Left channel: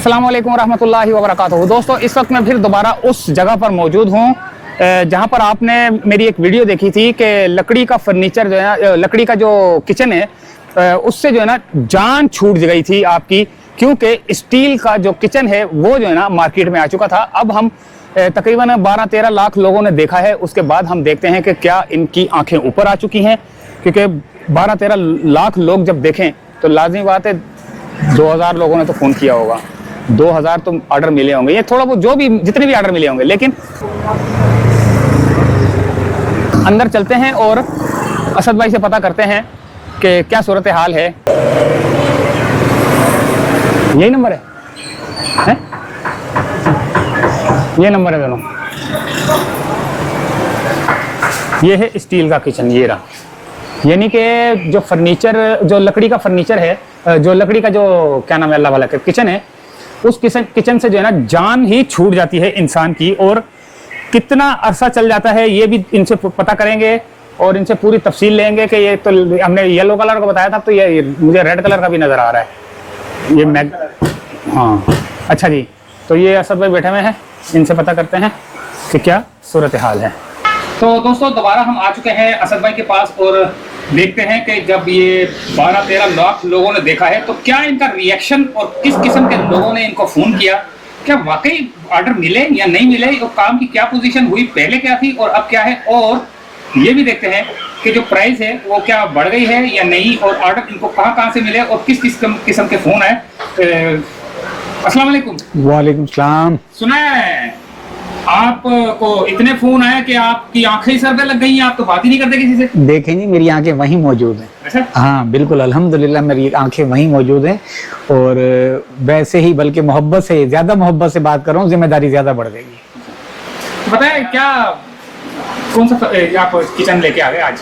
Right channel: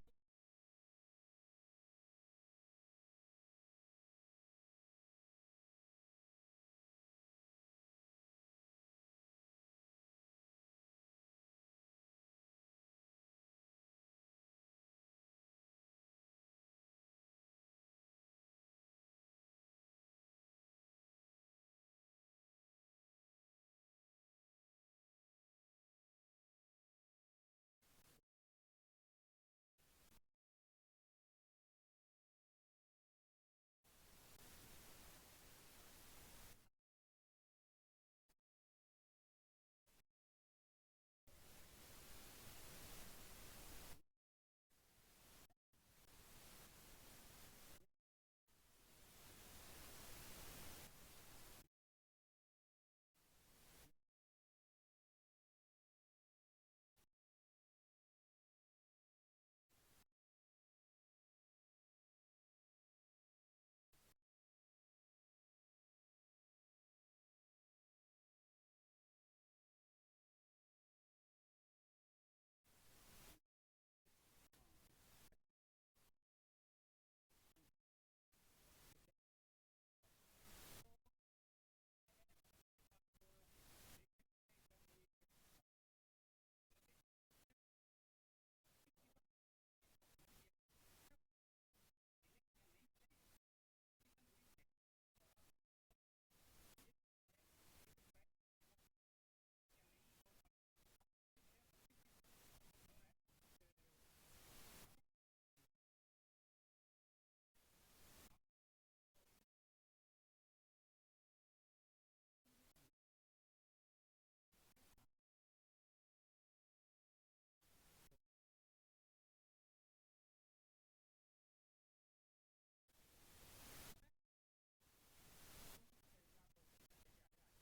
अस्सलाम वालेकुम रहमतुल्लाहि व बरकातहू। दोस्तों, इस वक्त मैं फिर दोबारा उस जगह पर मौजूद हूँ जहाँ पर आपने मेरी एक वीडियो देखी थी कि लकड़ी का फर्नीचर जो है, लकड़ी का जो किचन है उससे जो है ना जान छूट गई थी आपकी, क्योंकि स्टील का जो किचन है वो जो है ना मार्केट में आ चुका था। अब हम तकरीबन 12-13 लाख लोगों ने देखा है, उसके बाद हम देखते हैं कि क्या इनकी आंखें ऊपर आ चुकी हैं, क्योंकि 12-13 लाख लोग जब देखें तो लाजमी बात है 2000 लोगों ने तो फ़ोन किया होगा, 2000 तो ऑर्डर मिले होंगे, ये थोड़ा बहुत जो भी जितने भी ऑर्डर मिले होंगे। लेकिन अंदर चलते हैं और असद भाई से पता करते हैं कि क्या सूरत हाल है। यही नंबर है? ये नंबर है दोनों। ये है स्टील का किचन, ये रहा। यानी कि जो फर्नीचर, जो लकड़ी का फर्नीचर है, जो लकड़ी का जो क्या नाम है अल्लाह वाला किचन है, उस किचन से जो है ना जान ही छूट जाती है इंसान की। और कितना अरसा चल जाता है ये भी इनसे पता करेंगे और इनसे पूरी तफसील लेंगे कि ये तो हमने येलो कलर का बताया था, तो ये मुझे रेड कलर का भी नज़र आ रहा है। ये हाँ, अच्छा जी। तो ये असद भाई बैठे हुए हैं, इनसे पता करते हैं कि क्या सूरत हाल है। तो दोस्तों, दोबारा हम आ चुके हैं असद भाई के पास और देखते हैं कि जब ये 12-13 लाख लोगों ने देखा है तो क्या इनका रिएक्शन और किस किस्म के लोगों ने इनको फ़ोन किया, क्या वाकई ऑर्डर मिले या नहीं मिले, और काम की क्या पोजीशन हुई, पहले क्या थी और अब क्या है। और ये भी देखते हैं कि जो प्राइस है वो क्या बढ़ गई है या नहीं, और ऑर्डर इनको कहाँ से मिले और किस किस्म के फ़ोन आए। अस्सलाम वालेकुम। वालेकुम सलाम। सुना है आपको इतने फोन आए कि आपकी आंखें सर पे लग गई हैं, आप तो बात ही नहीं करते किसी से। देखें जी, मेरी आंखें वहीं मौजूद हैं। अच्छा? हाँ बिल्कुल, अल्हम्दुलिल्लाह मेरी आंखें वहीं मौजूद हैं। और वैसे ही बल्कि मोहब्बत से, ज्यादा मोहब्बत से बात कर रहा हूँ, जिम्मेदारी ज्यादा बढ़ गई है। बताए क्या, कौन सा आप किचन लेके आ गए आज?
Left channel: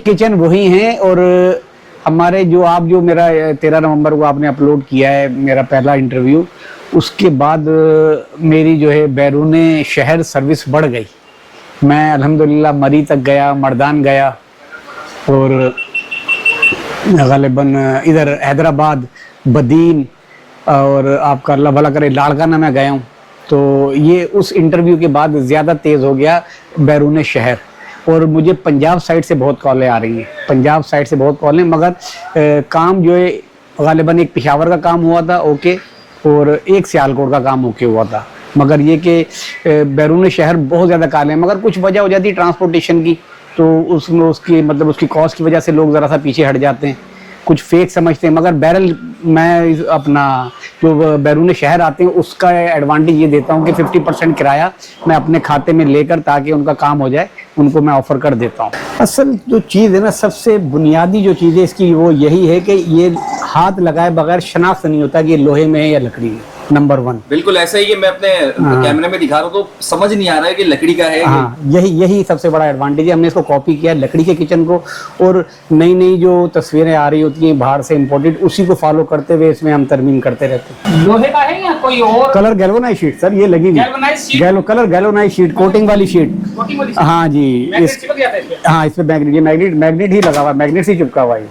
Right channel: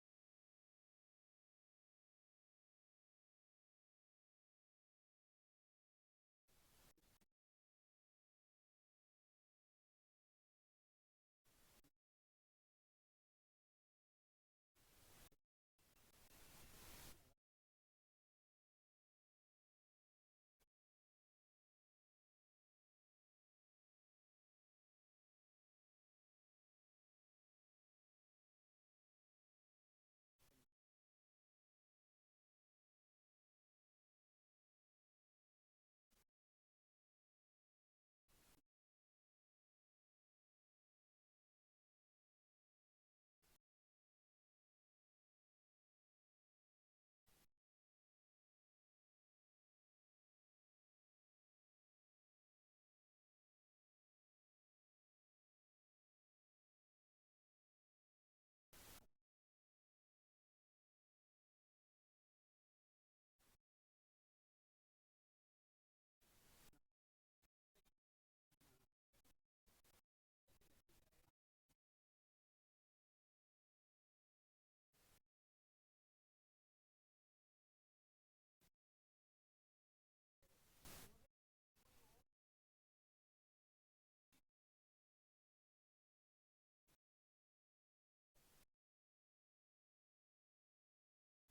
किचन वही है। और हमारे जो मेरा 13 नवंबर को आपने अपलोड किया है मेरा पहला इंटरव्यू, उसके बाद मेरी जो है बैरूने शहर सर्विस बढ़ गई। मैं अल्हम्दुलिल्लाह मरी तक गया, मर्दान गया, और ग़ालिबन इधर हैदराबाद, बदीन, और आपका अल्लाह भला करे लाड़काना में गया हूँ। तो ये उस इंटरव्यू के बाद ज़्यादा तेज़ हो गया बैरूने शहर। और मुझे पंजाब साइड से बहुत कॉलें आ रही हैं, पंजाब साइड से बहुत कॉलें, मगर काम जो है ग़ालिबन एक पेशावर का काम हुआ था ओके, और एक सियालकोट का काम ओके हुआ था। मगर ये कि बैरून शहर बहुत ज़्यादा काले हैं, मगर कुछ वजह हो जाती है ट्रांसपोर्टेशन की, तो उसमें उसकी मतलब उसकी कॉस्ट की वजह से लोग ज़रा सा पीछे हट जाते हैं, कुछ फेक समझते हैं। मगर बैरल मैं अपना जो बैरून शहर आते हैं उसका एडवांटेज ये देता हूँ कि 50% किराया मैं अपने खाते में लेकर, ताकि उनका काम हो जाए, उनको मैं ऑफ़र कर देता हूँ। असल जो चीज़ है ना, सबसे बुनियादी जो चीज़ है इसकी वो यही है कि ये हाथ लगाए बगैर शनाख्त नहीं होता कि ये लोहे में है या लकड़ी है। नंबर 1 बिल्कुल ऐसा ही कि मैं अपने कैमरे में दिखा रहा हूँ तो समझ नहीं आ रहा है कि लकड़ी का है। हाँ, यही सबसे बड़ा एडवांटेज है। हमने इसको कॉपी किया है लकड़ी के किचन को, और नई जो तस्वीरें आ रही होती हैं बाहर से इम्पोर्टेड, उसी को फॉलो करते हुए इसमें हम तरमीम करते रहते हैं। लोहे का है या कोई और? कलर गैल्वेनाइज शीट सर, ये लगी हुई कलर गैल्वेनाइज शीट, कोटिंग वाली शीट। हाँ जी, हाँ इस पे मैग्नेट ही लगा हुआ, मैग्नेट से चिपका हुआ है।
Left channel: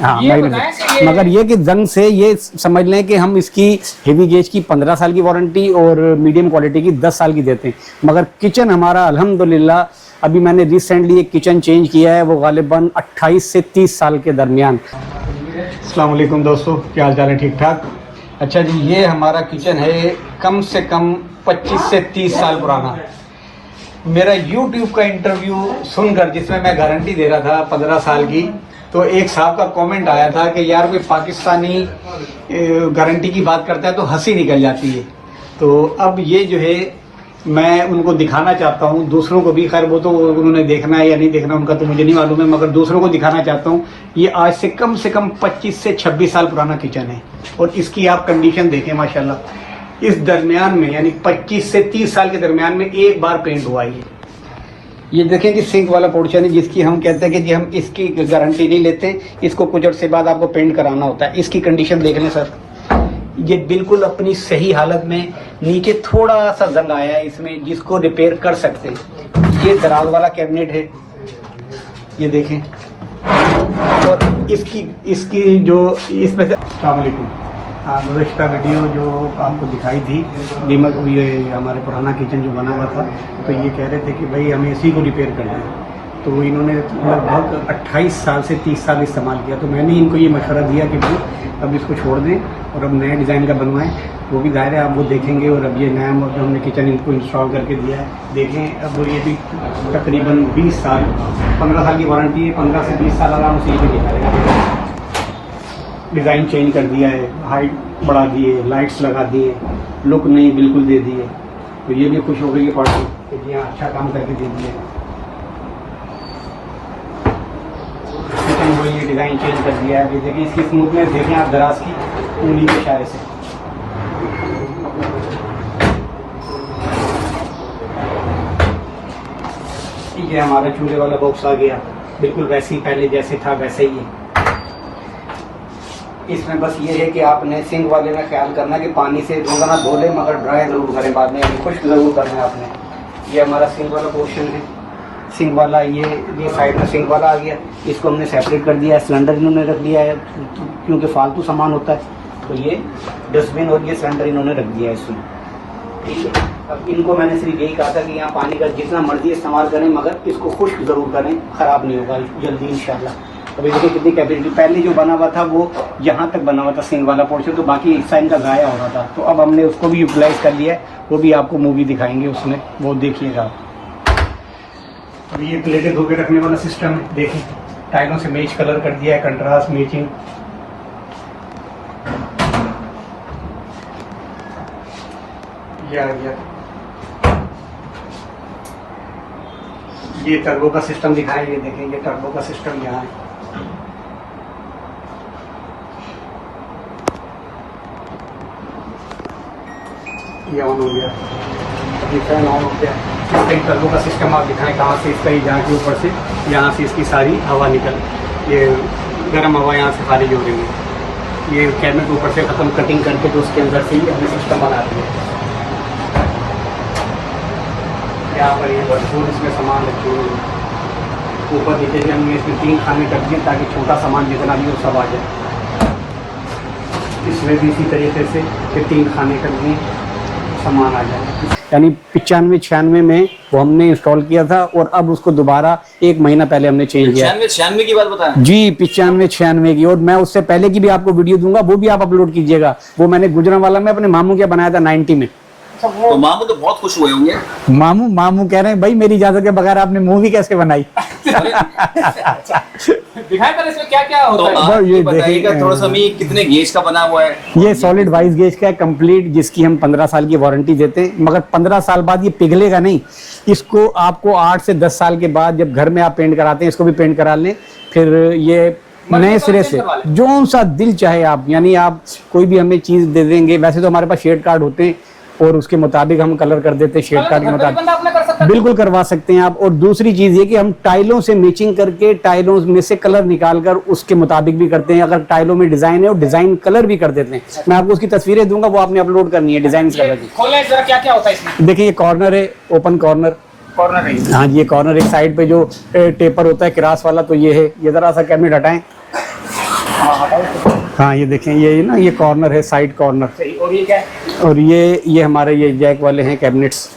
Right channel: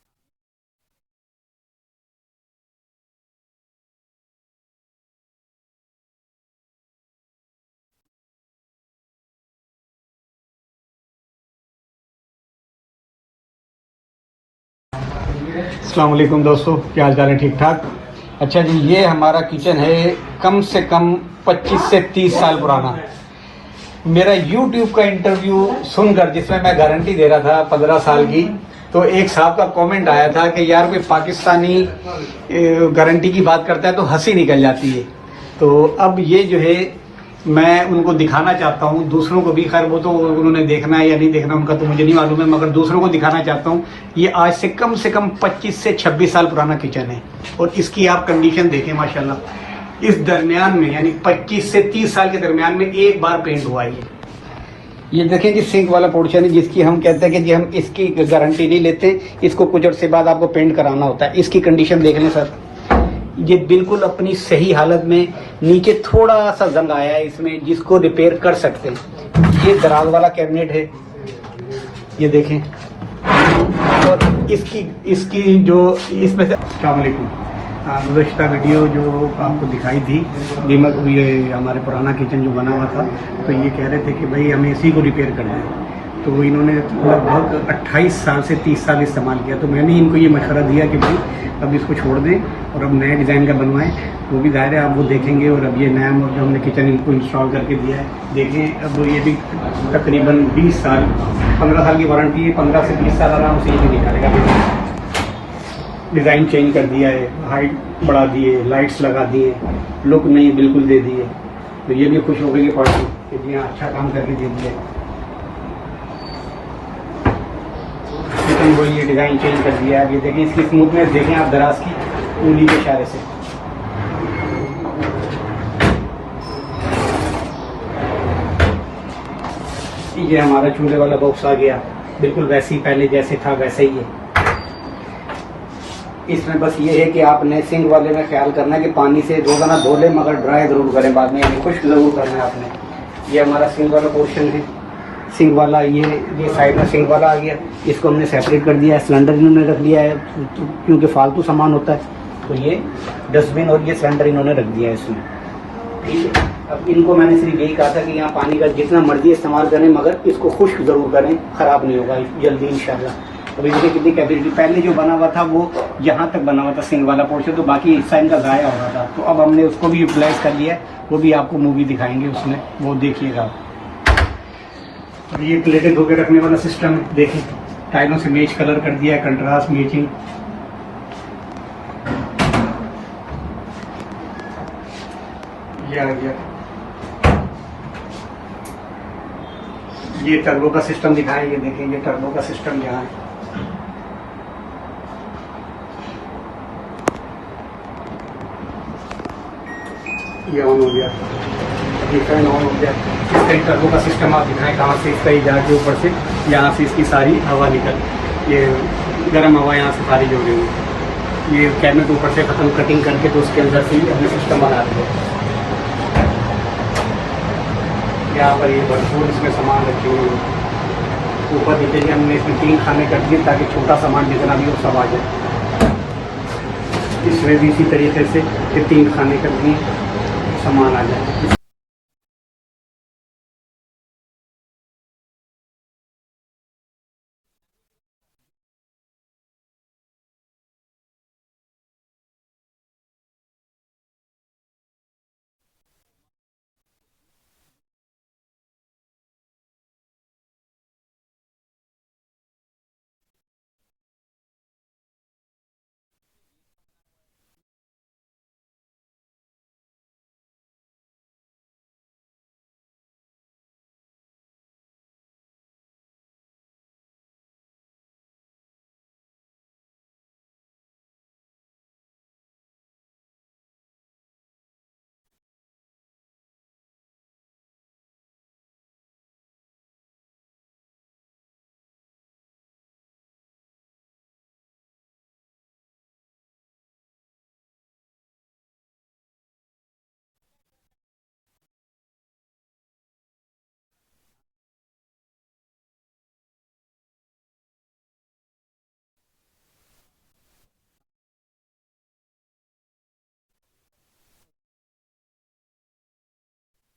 हाँ मैग्नेट। मगर ये कि जंग से ये समझ लें कि हम इसकी हेवी गेज की 15 साल की वारंटी और मीडियम क्वालिटी की 10 साल की देते हैं। मगर किचन हमारा अल्हम्दुलिल्लाह, अभी मैंने रिसेंटली एक किचन चेंज किया है, वो गालिबन 28 से 30 साल के दरमियान। अस्सलाम वालेकुम दोस्तों, क्या हाल चाल है? ठीक ठाक। अच्छा जी, ये हमारा किचन है कम से कम 25 से 30 साल पुराना। मेरा YouTube का इंटरव्यू सुनकर, जिसमें मैं गारंटी दे रहा था 15 साल की, तो एक साहब का कमेंट आया था कि यार कोई पाकिस्तानी गारंटी की बात करता है तो हंसी निकल जाती है। तो अब ये जो है मैं उनको दिखाना चाहता हूँ, दूसरों को भी, खैर वो तो उन्होंने देखना है या नहीं देखना उनका तो मुझे नहीं मालूम है, मगर दूसरों को दिखाना चाहता हूँ। ये आज से कम 25 से 26 साल पुराना किचन है, और इसकी आप कंडीशन देखें माशाल्लाह। इस दरमियान में यानी 25 से 30 साल के दरमियान में एक बार पेंट हुआ है। ये देखें कि सिंक वाला पोर्शन है, जिसकी हम कहते हैं कि जी हम इसकी गारंटी नहीं लेते, इसको कुछ अर्से बाद आपको पेंट कराना होता है। इसकी कंडीशन देख लें सर, ये बिल्कुल अपनी सही हालत में, नीचे थोड़ा सा जंग आया है इसमें, जिसको रिपेयर कर सकते हैं। ये दराज वाला कैबिनेट है, ये देखें। और इसकी जो इसमें से, अस्सलाम वालेकुम, गुज़श्ता वीडियो जो आपको दिखाई थी दीमक, ये हमारे पुराना किचन जो बना हुआ था, तो ये कह रहे थे कि भाई हमें इसी को रिपेयर करना है। तो इन्होंने लगभग 28 साल से 30 साल इस्तेमाल किया। तो मैंने इनको ये मशवरा दिया कि भाई अब इसको छोड़ दें और अब नए डिज़ाइन का बनवाएं। वो भी ज़ाहिर है आप वो देखेंगे। और अब ये नया जो हमने किचन इनको इंस्टॉल करके दिया है, देखें। अब ये भी तकरीबन 20 साल 15 साल की वारंटी है, 15 से 20 साल आराम से ये भी निकालेगा। डिज़ाइन चेंज कर दिया है, हाइट बढ़ा दिए, लाइट्स लगा दिए, लुक नहीं बिल्कुल दे दिए। तो ये भी खुश हो गई पार्टी कि जी हाँ अच्छा काम करके दे दिया। वो ये डिज़ाइन चेंज कर दिया है। ये देखिए इसकी स्मूथनेस देखें आप दराज की उंगली के इशारे से। ये हमारा चूल्हे वाला बॉक्स आ गया, बिल्कुल वैसे ही पहले जैसे था वैसे ही है। इसमें बस ये है कि आपने सिंक वाले में ख्याल करना है कि पानी से रोजाना धो लें, मगर ड्राई जरूर करें बाद में, यानी खुश्क जरूर करना है आपने। ये हमारा सिंक वाला पोर्शन है। सिंक वाला ये साइड में सिंक वाला आ गया, इसको हमने सेपरेट कर दिया है। सिलेंडर इन्होंने रख दिया है क्योंकि फालतू सामान होता है, तो ये डस्टबिन और ये सिलेंडर इन्होंने रख दिया है इसमें। ठीक है, अब इनको मैंने सिर्फ यही कहा था कि यहाँ पानी का जितना मर्जी इस्तेमाल करें, मगर इसको खुश्क जरूर करें, खराब नहीं होगा जल्दी इंशाल्लाह। अभी देखिए कितनी कैपेसिटी, पहले जो बना हुआ था वो यहाँ तक बना हुआ था सिंक वाला पोर्शन, तो बाकी हिस्सा इनका गाया हो रहा था। तो अब हमने उसको भी यूटिलाइज कर लिया है, वो भी आपको मूवी दिखाएंगे उसमें, वो देखिएगा। और ये प्लेटें धो के रखने वाला सिस्टम है, देखिए टाइलों से मैच कलर कर दिया है, कंट्रास्ट मैचिंग। ये आ गया, ये टर्बो का सिस्टम दिखाएं। ये देखेंगे टर्बो का सिस्टम यहाँ है। ये ऑन हो गया, ये फैन ऑन हो गया। टर्बो का सिस्टम आप दिखाएं कहाँ से इसका, ये जाके ऊपर से यहाँ से इसकी सारी हवा निकल, ये गर्म हवा यहाँ से सारी जोड़ेंगे। ये कैबिनेट ऊपर से खत्म कटिंग करके तो उसके अंदर से ही हमने सिस्टम बना दिया। यहाँ पर ये भरपूर इसमें सामान रखे हुए हैं। ऊपर नीचे से हमने इसमें 3 खाने कर दिए ताकि छोटा सामान जितना भी वो सब आ जाए। इसमें भी इसी तरीके से ये 3 खाने कर दिए, सामान आ जाए। यानी 95-96 में वो हमने इंस्टॉल किया था और अब उसको दोबारा 1 महीना पहले हमने चेंज किया। 96 की बात बताएं जी, 95-96 की। और मैं उससे पहले की भी आपको वीडियो दूंगा, वो भी आप अपलोड कीजिएगा। वो मैंने गुजरांवाला में अपने मामू क्या बनाया था 90 में। तो मामू तो बहुत खुश हुए होंगे। मामू कह रहे हैं भाई मेरी इजाजत के बगैर आपने मूवी कैसे बनाई। दिखाएं पर इसमें क्या क्या होता तो है। आप ये बताइएगा थोड़ा सा, हमें कितने गेज का बना हुआ है? ये सॉलिड 22 गेज का है कंप्लीट, जिसकी हम 15 साल की वारंटी देते हैं। मगर 15 साल बाद ये पिघलेगा नहीं। इसको आपको 8 से 10 साल के बाद जब घर में आप पेंट कराते हैं, इसको भी पेंट करा लें, फिर ये नए सिरे से जो सा दिल चाहे आप, यानी आप कोई भी हमें चीज दे देंगे। वैसे तो हमारे पास शेड कार्ड होते हैं और उसके मुताबिक हम कलर कर देते हैं, शेड कार्ड के मुताबिक बिल्कुल करवा सकते हैं आप। और दूसरी चीज ये कि हम टाइलों से मैचिंग करके टाइलों में से कलर निकालकर उसके मुताबिक भी करते हैं। अगर टाइलों में डिजाइन है और डिजाइन कलर भी कर देते हैं। मैं आपको उसकी तस्वीरें दूंगा, वो आपने अपलोड करनी है डिजाइन कलर की। खोलें जरा, क्या क्या होता है इसमें? देखिए ये कॉर्नर है, ओपन कॉर्नर है। हाँ जी, ये कॉर्नर एक साइड पे जो टेपर होता है क्रास वाला, तो ये है। ये जरा सा कैबिनेट हटाएं। हाँ ये देखें, ये ना ये कॉर्नर है, साइड कॉर्नर। और ये क्या है? और ये हमारे ये जैक वाले हैं कैबिनेट्स।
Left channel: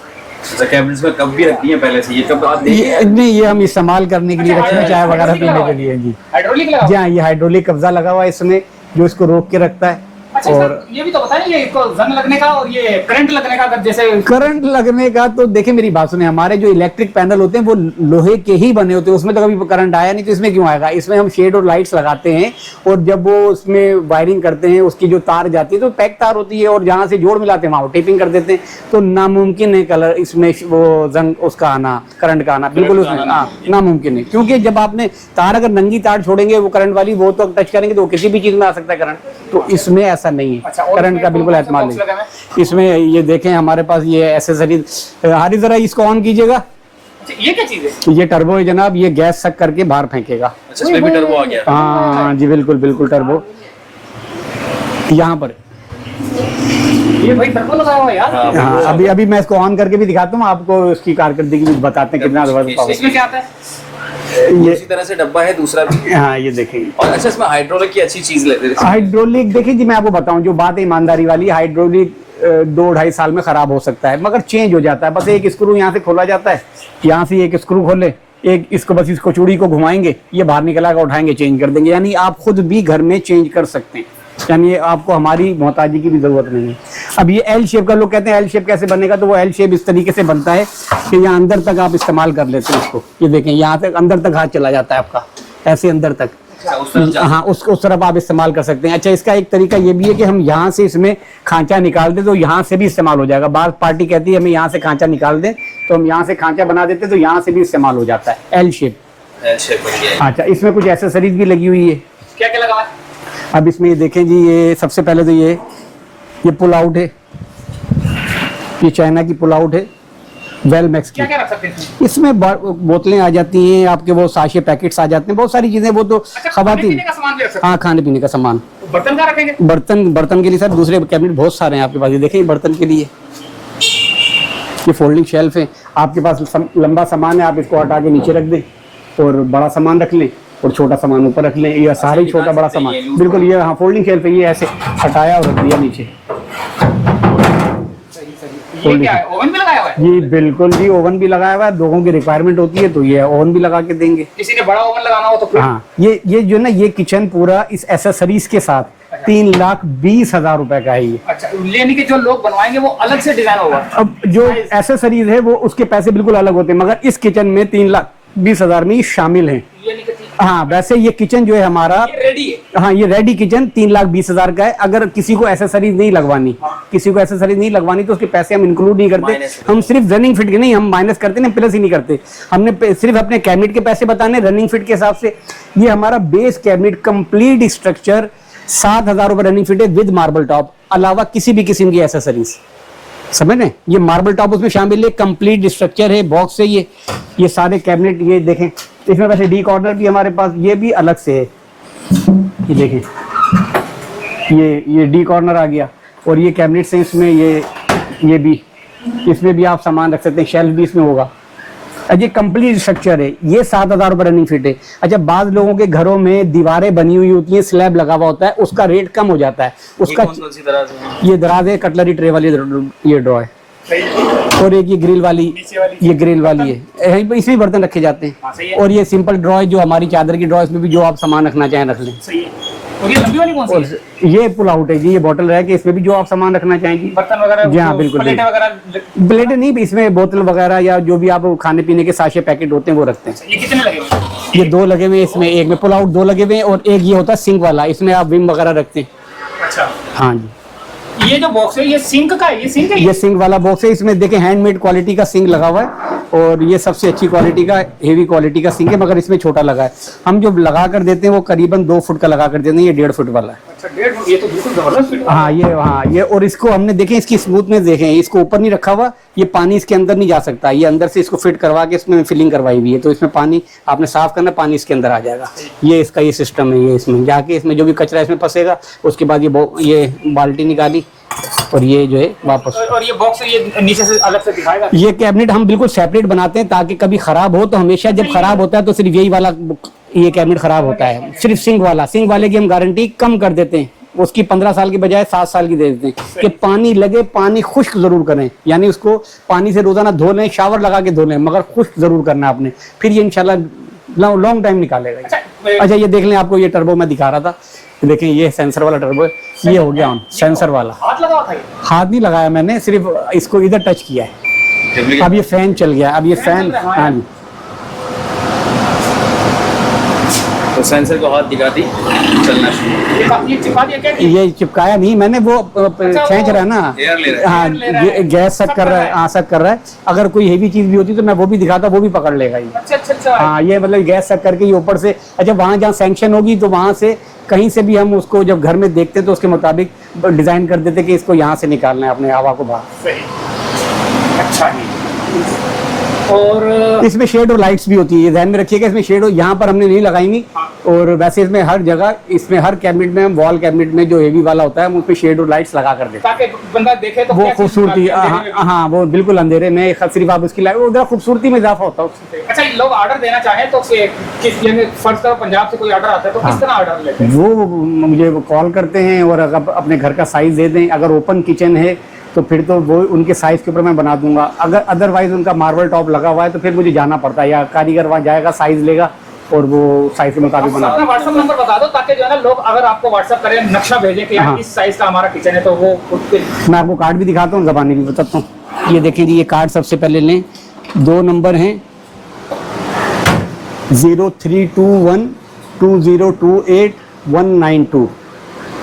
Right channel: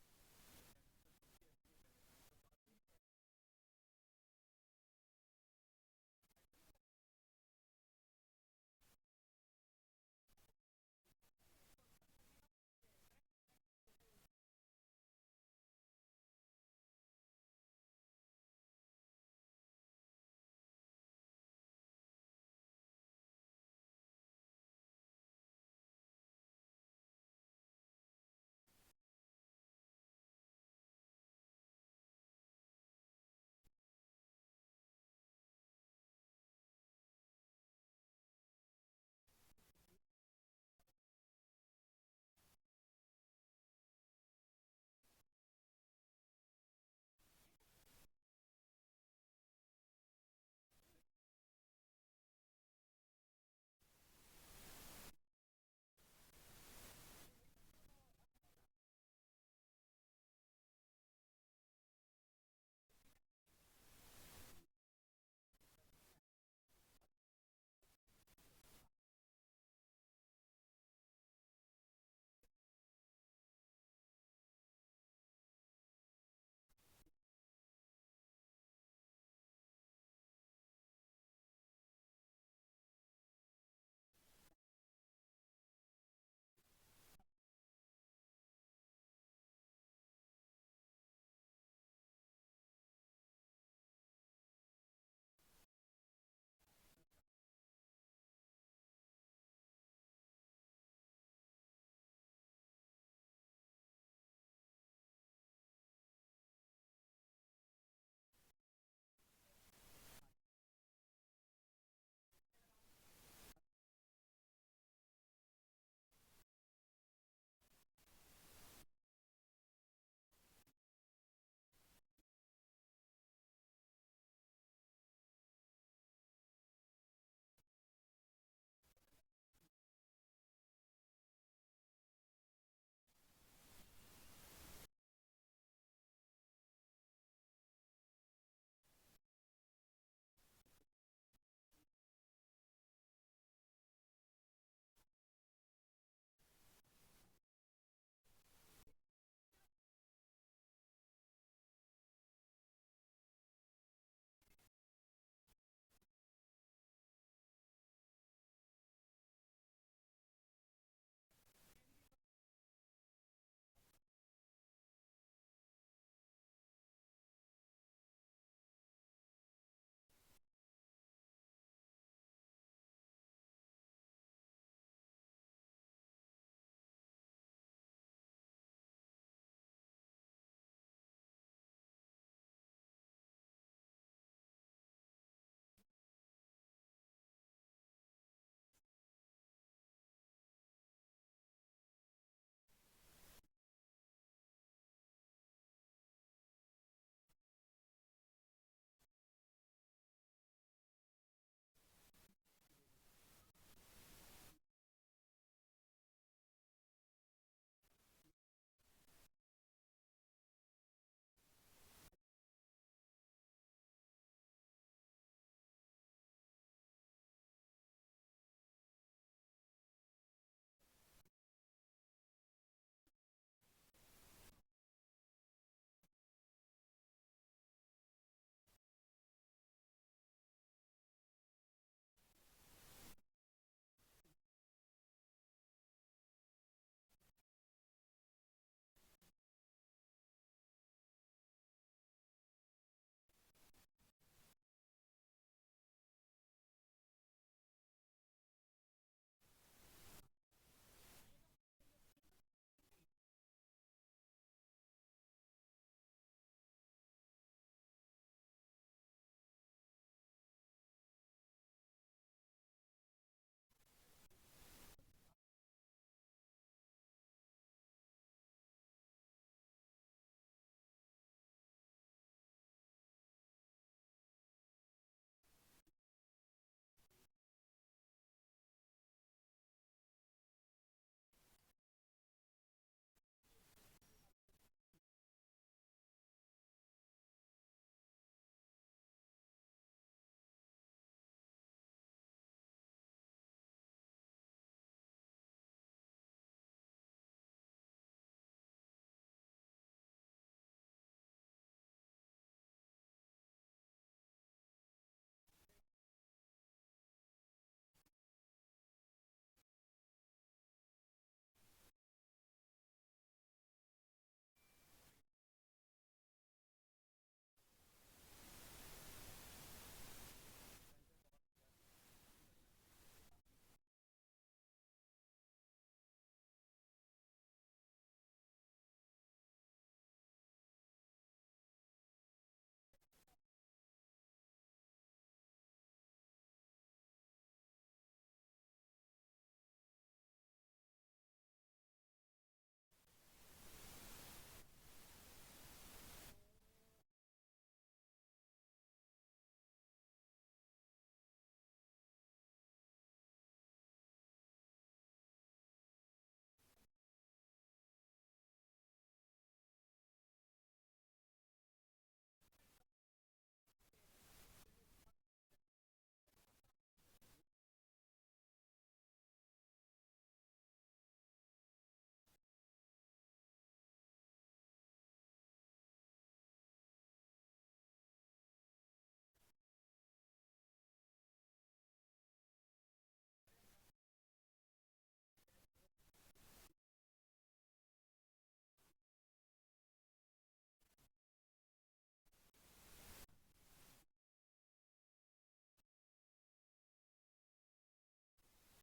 कैबिनेट्स में कप भी रखती हैं पहले से, ये कब आप ये नहीं, ये हम इस्तेमाल करने के लिए रखते हैं, चाय वगैरह पीने के लिए जी। हाइड्रोलिक लगा? जी हाँ, ये हाइड्रोलिक कब्जा लगा हुआ है इसमें, जो इसको रोक के रखता है। अच्छा, और ये भी तो बताएं, ये जंग लगने का और ये करंट लगने का, अगर जैसे करंट लगने का तो देखिए मेरी बात सुने, हमारे जो इलेक्ट्रिक पैनल होते हैं वो लोहे के ही बने होते हैं, उसमें तो कभी करंट आया नहीं, तो इसमें क्यों आएगा? इसमें हम शेड और लाइट्स लगाते हैं और जब वो उसमें वायरिंग करते हैं, उसकी जो तार जाती है तो पैक तार होती है और जहाँ से जोड़ मिलाते हैं वहाँ टेपिंग कर देते हैं, तो नामुमकिन है कलर इसमें वो जंग उसका आना, करंट का आना बिल्कुल उसमें नामुमकिन है। क्योंकि जब आपने तार अगर नंगी तार छोड़ेंगे वो करंट वाली, वो तो टच करेंगे तो किसी भी चीज में आ सकता है करंट, तो इसमें ऐसा नहीं है। करंट का बिल्कुल एतमाद नहीं इसमें। ये देखें हमारे पास ये एसेसरी, हारी जरा इसको ऑन कीजिएगा। ये क्या चीज है? ये टर्बो है जनाब, ये गैस सक करके बाहर फेंकेगा। अच्छा, इसमें भी टर्बो आ गया? हाँ जी, बिल्कुल बिल्कुल टर्बो यहाँ पर। ये भाई टर्बो लगा हुआ है यार। हाँ, अभी मैं इसको ऑन करके भी दिखाता हूँ आपको, उसकी कारकर्दगी भी बताते हैं कितना। इसमें क्या आता है? इसी तरह से डब्बा है दूसरा भी। हाँ ये देखिए। और अच्छा, इसमें हाइड्रोलिक की अच्छी चीज लेते हैं। हाइड्रोलिक देखिए जी, मैं आपको बताऊं जो बात है ईमानदारी वाली, हाइड्रोलिक 2-2.5 साल में खराब हो सकता है, मगर चेंज हो जाता है। बस एक स्क्रू यहाँ से खोला जाता है, यहाँ से एक स्क्रू खोले, एक इसको बस इसको चूड़ी को घुमाएंगे, ये बाहर निकला कर उठाएंगे, चेंज कर देंगे। यानी आप खुद भी घर में चेंज कर सकते हैं, यानी आपको हमारी मोहताजी की भी जरूरत नहीं है। अब ये एल शेप का, लोग कहते हैं एल शेप कैसे बनेगा, तो वो एल शेप इस तरीके से बनता है कि यहाँ अंदर तक आप इस्तेमाल कर लेते हैं इसको। ये देखें, यहाँ तक अंदर तक हाथ चला जाता है आपका, ऐसे अंदर तक। हाँ, उस तरफ आप इस्तेमाल कर सकते हैं। अच्छा, इसका एक तरीका ये भी है कि हम यहाँ से इसमें खांचा निकाल दें तो यहाँ से भी इस्तेमाल हो जाएगा। बार पार्टी कहती है हमें यहाँ से खांचा निकाल दें, तो हम यहाँ से खांचा बना देते तो यहाँ से भी इस्तेमाल हो जाता है। एल शेप बन गया। अच्छा, इसमें कुछ एसेसरीज भी लगी हुई है। क्या क्या लगा हुआ है? अब इसमें ये देखें जी, ये सबसे पहले तो ये पुल आउट है, ये चाइना की पुल आउट है वेल मैक्स की। क्या क्या रख सकते हैं इसमें बोतलें आ जाती हैं आपके, वो साशे पैकेट्स आ जाते हैं, बहुत सारी चीजें। वो तो अच्छा, खवातीन, खाने पीने का सामान भी रख सकते हाँ खाने पीने का सामान। हैं। बर्तन कहाँ रखेंगे? बर्तन के लिए सर दूसरे कैबिनेट बहुत सारे हैं आपके पास। ये देखिए बर्तन के लिए ये फोल्डिंग शेल्फ है। आपके पास लंबा सामान है, आप इसको हटा के नीचे रख दें और बड़ा सामान रख लें और छोटा सामान ऊपर रख लें। ये सारे ही छोटा बड़ा सामान बिल्कुल, ये हाँ फोल्डिंग शेल्फ है। ये ऐसे हटाया और रख दिया नीचे। ये क्या है? ओवन भी लगाया हुआ है? जी बिल्कुल जी, ओवन भी लगाया हुआ है। लोगों की रिक्वायरमेंट होती है तो ये ओवन भी लगा के देंगे। किसी ने बड़ा ओवन लगाना हो तो फिर? हाँ, ये जो ना, ये किचन पूरा इस एसेसरीज के साथ 3,20,000 रुपए का है ये। अच्छा, यानी कि जो लोग बनवाएंगे वो अलग से डिजाइन होगा। अब जो एसेसरीज है वो उसके पैसे बिल्कुल अलग होते हैं, मगर इस किचन में 3,20,000 में ही शामिल हैं। यानी कि हाँ, वैसे ये किचन जो है हमारा, ये रेडी है। हाँ ये रेडी किचन 3,20,000 का है। अगर किसी को एसेसरीज नहीं लगवानी, किसी को एसेसरीज नहीं लगवानी तो उसके पैसे हम इंक्लूड नहीं करते। हम सिर्फ रनिंग फिट के नहीं, हम माइनस करते हैं, प्लस ही नहीं करते। हमने सिर्फ अपने कैबिनेट के पैसे बताने रनिंग फिट के हिसाब से। ये हमारा बेस कैबिनेट कंप्लीट स्ट्रक्चर 7,000 रुपए रनिंग फिट है विद मार्बल टॉप, अलावा किसी भी किस्म की एसेसरीज। समझ रहे? ये मार्बल टॉप उसमें शामिल है, कंप्लीट स्ट्रक्चर है, बॉक्स है ये सारे कैबिनेट। ये देखें, इसमें वैसे डी कॉर्नर भी हमारे पास, ये भी अलग से है। ये देखें, ये डी कॉर्नर आ गया और ये कैबिनेट से इसमें ये भी, इसमें भी आप सामान रख सकते हैं, शेल्फ भी इसमें होगा। ये कंप्लीट स्ट्रक्चर है। ये 7,000 रुपए रनिंग फिट है। अच्छा, बाद लोगों के घरों में दीवारें बनी हुई होती हैं, स्लैब लगा हुआ होता है, उसका रेट कम हो जाता है। उसका कौन सी दराज है? ये दराज है, कटलरी ट्रे वाली ये ड्रॉ है। और एक ये ग्रिल वाली, ये ग्रिल वाली है, इसमें बर्तन रखे जाते हैं। और ये सिंपल ड्रॉ है जो हमारी चादर की ड्रॉ, इसमें भी जो आप सामान रखना चाहें रख लें। सही है। और ये लंबी वाली कौन सी है? ये पुल आउट है जी, ये बोतल रह के, इसमें भी जो आप सामान रखना चाहेंगे, बर्तन वगैरह, जी हाँ बिल्कुल, प्लेटें वगैरह। प्लेटें नहीं, इसमें बोतल वगैरह या जो भी आप खाने पीने के साशे पैकेट होते हैं वो रखते हैं। ये कितने लगे हुए हैं? ये 2 लगे हुए हैं इसमें, एक में पुल आउट 2 लगे हुए हैं और एक ये होता है सिंक वाला, इसमें आप विम वगैरह रखते हैं। अच्छा, हाँ जी। ये जो बॉक्स है ये सिंक का है? ये सिंक है? ये सिंक वाला बॉक्स है। इसमें देखें हैंडमेड क्वालिटी का सिंक लगा हुआ है और ये सबसे अच्छी क्वालिटी का, हेवी क्वालिटी का सिंक है, मगर इसमें छोटा लगा है। हम जो लगा कर देते हैं वो करीबन 2 फुट का लगा कर देते हैं, ये 1.5 फुट वाला है। अच्छा, 1.5 फुट, ये तो बिल्कुल जबरदस्त फिट है। हाँ ये और इसको हमने देखें, इसकी स्मूथनेस देखें, इसको ऊपर नहीं रखा हुआ, ये पानी इसके अंदर नहीं जा सकता। ये अंदर से इसको फिट करवा के इसमें फिलिंग करवाई हुई है, तो इसमें पानी आपने साफ करना, पानी इसके अंदर आ जाएगा। ये इसका ये सिस्टम है। ये इसमें जाके इसमें जो भी कचरा इसमें फंसेगा, उसके बाद ये बाल्टी निकाली और ये जो है वापस। और ये बॉक्स ये नीचे से अलग से दिखाएगा? ये कैबिनेट हम बिल्कुल सेपरेट बनाते हैं ताकि कभी खराब हो तो हमेशा जब खराब होता है तो सिर्फ यही वाला ये कैबिनेट खराब होता है। सिर्फ सिंक वाले की हम गारंटी कम कर देते हैं, उसकी 15 साल की बजाय 7 साल की दे देते हैं कि पानी लगे, पानी खुश्क जरूर करें, यानी उसको पानी से रोजाना धो लें, शावर लगा के धो लें, मगर खुश्क जरूर करना आपने, फिर ये इंशाल्लाह लॉन्ग टाइम निकालेगा। अच्छा, ये देख लें, आपको ये टर्बो मैं दिखा रहा था, देखें ये सेंसर वाला टर्बो है, ये हो गया ऑन, सेंसर वाला। हाथ लगा हुआ था? हाथ नहीं लगाया मैंने, सिर्फ इसको इधर टच किया है। अब ये फैन चल गया, अब ये फैन, हाँ जी। तो सेंसर को हाथ दिखा दी, चलना शुरू। ये चिपका दिया क्या? ये चिपकाया नहीं मैंने, वो खींच रहा है ना, एयर ले रहा है। हाँ गैस सक कर रहा है, हाँ सक कर रहा है। अगर कोई हेवी चीज भी होती तो मैं वो भी दिखाता, वो भी पकड़ लेगा ये। अच्छा। हाँ, ये मतलब गैस सक करके ये ऊपर से, अच्छा वहाँ जहाँ सैंक्शन होगी तो वहाँ से कहीं से भी हम उसको जब घर में देखते तो उसके मुताबिक डिजाइन कर देते कि इसको यहाँ से निकालना है अपने हवा को बाहर। अच्छा जी। और इसमें शेड और लाइट्स भी होती है, ये ध्यान में रखिएगा, इसमें शेड यहाँ पर हमने नहीं लगाएंगी, और वैसे इसमें हर जगह, इसमें हर कैबिनेट में हम वॉल कैबिनेट में जो हेवी वाला होता है हम उस पर शेड और लाइट्स लगा कर देते हैं ताकि बंदा देखे तो वो क्या चीज़ खूबसूरती। निकालते हैं अंधेरे में भी। हाँ वो बिल्कुल अंधेरे में सिर्फ आप उसकी लाइट, उधर खूबसूरती में इजाफा होता है उससे। अच्छा, लोग ऑर्डर देना चाहें तो किस, यानी फर्ज करो पंजाब से कोई ऑर्डर आता है तो किस तरह ऑर्डर लेते हैं? वो मुझे कॉल करते हैं और अगर अपने घर का साइज दे दें, अगर ओपन किचन है तो फिर तो वो उनके साइज के ऊपर मैं बना दूंगा। अगर अदरवाइज उनका मार्बल टॉप लगा हुआ है तो फिर मुझे जाना पड़ता है, या कारीगर वहाँ जाएगा, साइज लेगा और वो साइज के मुताबिक बना अपना व्हाट्सएप नंबर बता दो ताकि जो है ना लोग अगर आपको व्हाट्सएप करें, नक्शा भेजें कि यार हाँ। इस साइज का हमारा किचन है तो वो खुद के। मैं आपको कार्ड भी दिखाता हूँ, ज़बानी भी बताता हूँ। ये देखें जी, ये कार्ड सबसे पहले लें, 2 नंबर हैं 0321 2028 192,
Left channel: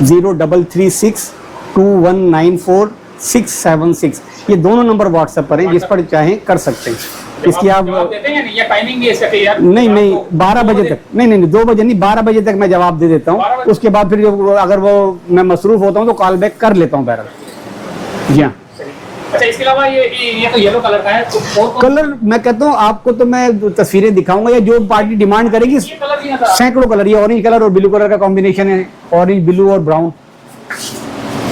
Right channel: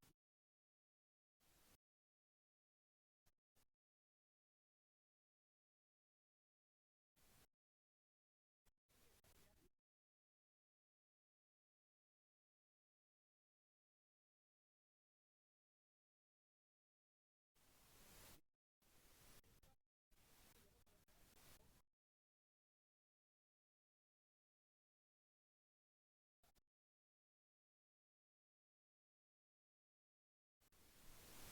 0336 2194 676। ये दोनों नंबर व्हाट्सएप पर हैं, जिस पर चाहें कर सकते हैं। इसकी आप जवाब देते हैं या नहीं? ये टाइमिंग भी है इसका कि यार नहीं आपको 12 बजे तक, नहीं 2 बजे नहीं, 12 बजे तक मैं जवाब दे देता 12 हूँ। बजे? उसके बाद फिर जो अगर वो मैं मसरूफ होता हूँ तो कॉल बैक कर लेता हूँ बहरहाल। जी हाँ। अच्छा, इसके अलावा ये तो येलो कलर का है तो और कलर मैं कहता हूँ आपको तो मैं तस्वीरें दिखाऊंगा, या जो पार्टी डिमांड करेगी। ये कलर भी आता है। सैकड़ों कलर, ये ऑरेंज कलर और ब्लू कलर का कॉम्बिनेशन है, ऑरेंज ब्लू और ब्राउन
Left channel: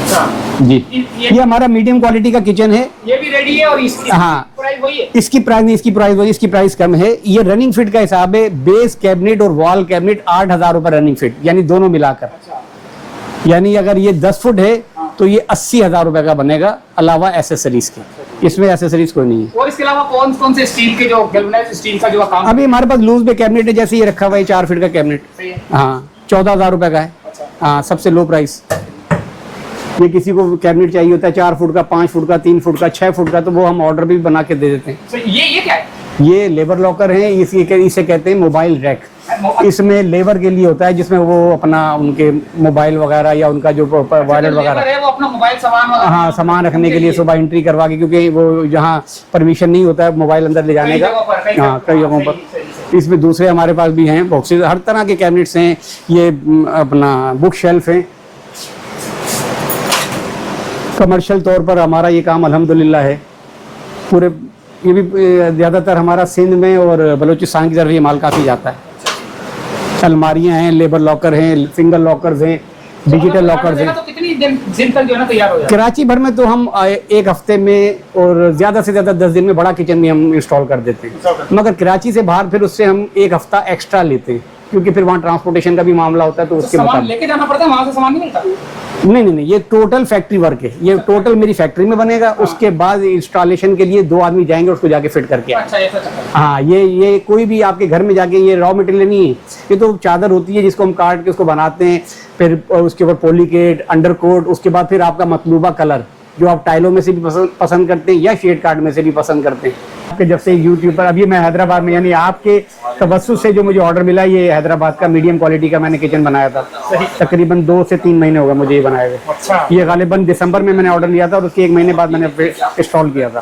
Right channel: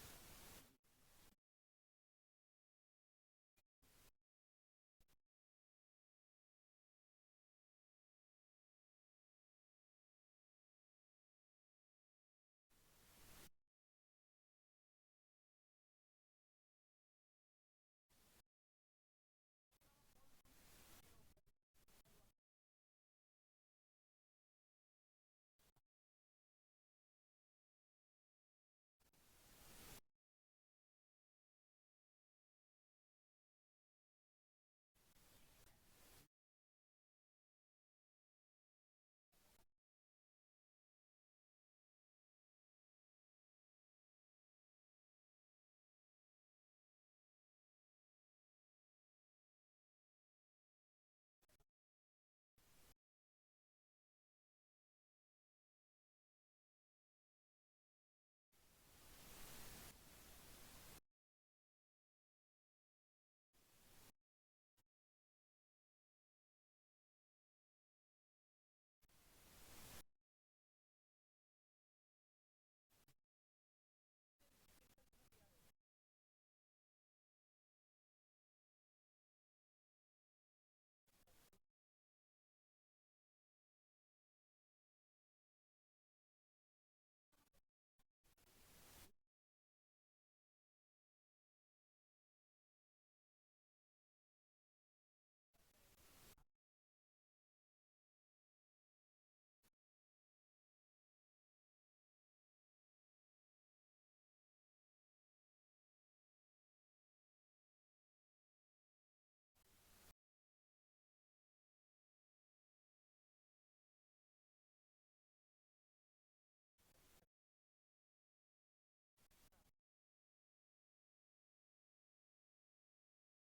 अच्छा, जी। ये ये हमारा मीडियम क्वालिटी का किचन है। ये भी रेडी है और इसकी हाँ। प्राइस वही है। इसकी प्राइस नहीं, इसकी प्राइस वही, इसकी प्राइस कम है। ये रनिंग फिट का हिसाब है, बेस कैबिनेट और वॉल कैबिनेट 8,000 रुपए रनिंग फिट, यानी दोनों मिलाकर। अच्छा, यानी अगर ये 10 फुट है तो ये 80,000 रुपए का बनेगा, अलावा एसेसरीज के। इसमें एसेसरीज कोई नहीं है। और इसके अलावा कौन कौन से स्टील के जो गैल्वेनाइज्ड स्टील का जो काम अभी हमारे पास लूज में कैबिनेट है, जैसे ये रखा हुआ है 4 फीट का कैबिनेट। सही है? हाँ 14,000 रुपए का है। अच्छा, हाँ सबसे लो प्राइस। ये किसी को कैबिनेट चाहिए होता है 4 फुट का, 5 फुट का, 3 फुट का, 6 फुट का, तो वो हम ऑर्डर भी बना के दे देते हैं। तो ये क्या है? ये लेबर लॉकर है, इसे कहते हैं मोबाइल रैक। इसमें लेबर के लिए होता है, जिसमें वो अपना उनके मोबाइल वगैरह या उनका जो वॉलेट वगैरह, है वो अपना मोबाइल सामान वगैरह हाँ सामान रखने के लिए सुबह एंट्री करवा के, क्योंकि वो जहाँ परमिशन नहीं होता है मोबाइल अंदर ले जाने कई का। जगहों पर, कई हाँ कई जगहों पर। सही। इसमें दूसरे हमारे पास भी हैं बॉक्सेस, हर तरह के कैबिनेट्स हैं। ये अपना बुक शेल्फ है। कमर्शियल तौर पर हमारा ये काम अल्हम्दुलिल्लाह है पूरे, ये भी ज़्यादातर हमारा सिंध में और बलूचिस्तान की तरफ ये माल काफ़ी जाता है। अलमारियाँ हैं, लेबर लॉकर हैं, सिंगल लॉकर्स हैं, डिजिटल लॉकर्स हैं। तो कितनी दिन तक जो है ना तैयार हो जाए? कराची भर में तो हम 1 हफ्ते में और ज़्यादा से ज़्यादा 10 दिन में बड़ा किचन भी हम इंस्टॉल कर देते हैं। मगर कराची से बाहर फिर उससे हम 1 हफ्ता एक्स्ट्रा लेते हैं, क्योंकि फिर वहाँ ट्रांसपोर्टेशन का भी मामला होता है, तो उसके सामान मुताबिक। लेके जाना पड़ता है, वहां से सामान नहीं मिलता? नहीं, ये टोटल फैक्ट्री वर्क है। ये टोटल मेरी फैक्ट्री में बनेगा। उसके बाद इंस्टॉलेशन के लिए 2 आदमी जाएंगे, उसको जाके फिट करके आएंगे। अच्छा, ऐसा चक्कर है। हाँ ये कोई भी आपके घर में जाके, ये रॉ मटेरियल नहीं है, ये तो चादर होती है जिसको हम काट के उसको बनाते हैं, फिर उसके ऊपर पॉलीकेट, अंडरकोट, उसके बाद फिर आपका मतलूबा कलर जो आप टाइलों में से भी पसंद करते हैं या शेड कार्ड में से भी पसंद करते हैं। आपके जब से यूट्यूब पर, अभी मैं हैदराबाद में, यानी आपके तवस्सुस से जो मुझे ऑर्डर मिला, ये हैदराबाद का मीडियम क्वालिटी का मैंने किचन बनाया था। तकरीबन 2 से 3 महीने हो गए मुझे ये बनाए हुए। अच्छा, ये गालिबन दिसंबर में मैंने ऑर्डर लिया था और उसके 1 महीने बाद मैंने इंस्टॉल किया था।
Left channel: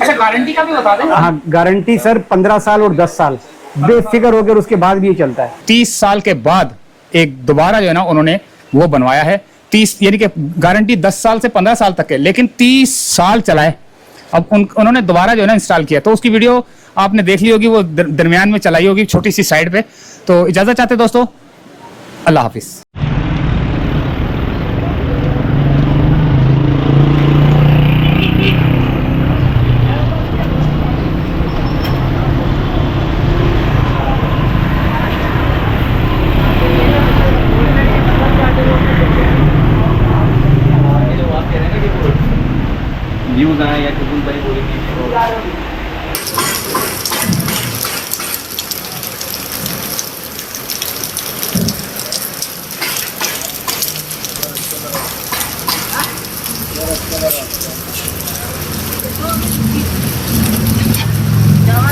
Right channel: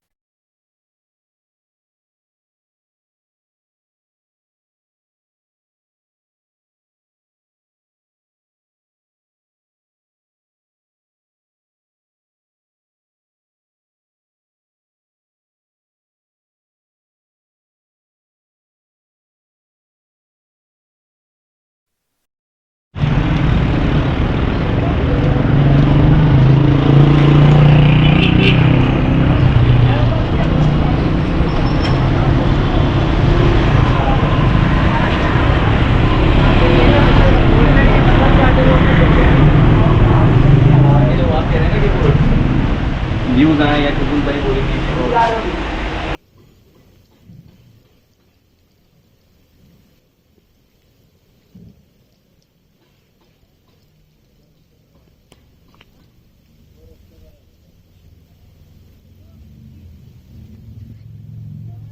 अच्छा, गारंटी का भी बता दें। हाँ गारंटी सर 15 साल और 10 साल बेफिक्र होकर उसके बाद भी ये चलता है। 30 साल के बाद एक दोबारा जो है ना उन्होंने वो बनवाया है। 30 यानी कि गारंटी 10 साल से 15 साल तक है, लेकिन 30 साल चलाए। अब उन्होंने दोबारा जो है ना इंस्टॉल किया, तो उसकी वीडियो आपने देख ली होगी, वो दरमियान में चलाई होगी छोटी सी साइड पे। तो इजाजत चाहते दोस्तों, अल्लाह हाफिज। व्यूज आए या कुछ भाई बोलेंगे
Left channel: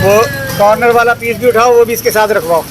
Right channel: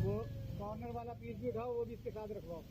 वो कॉर्नर वाला पीस भी उठाओ, वो भी इसके साथ रखवाओ।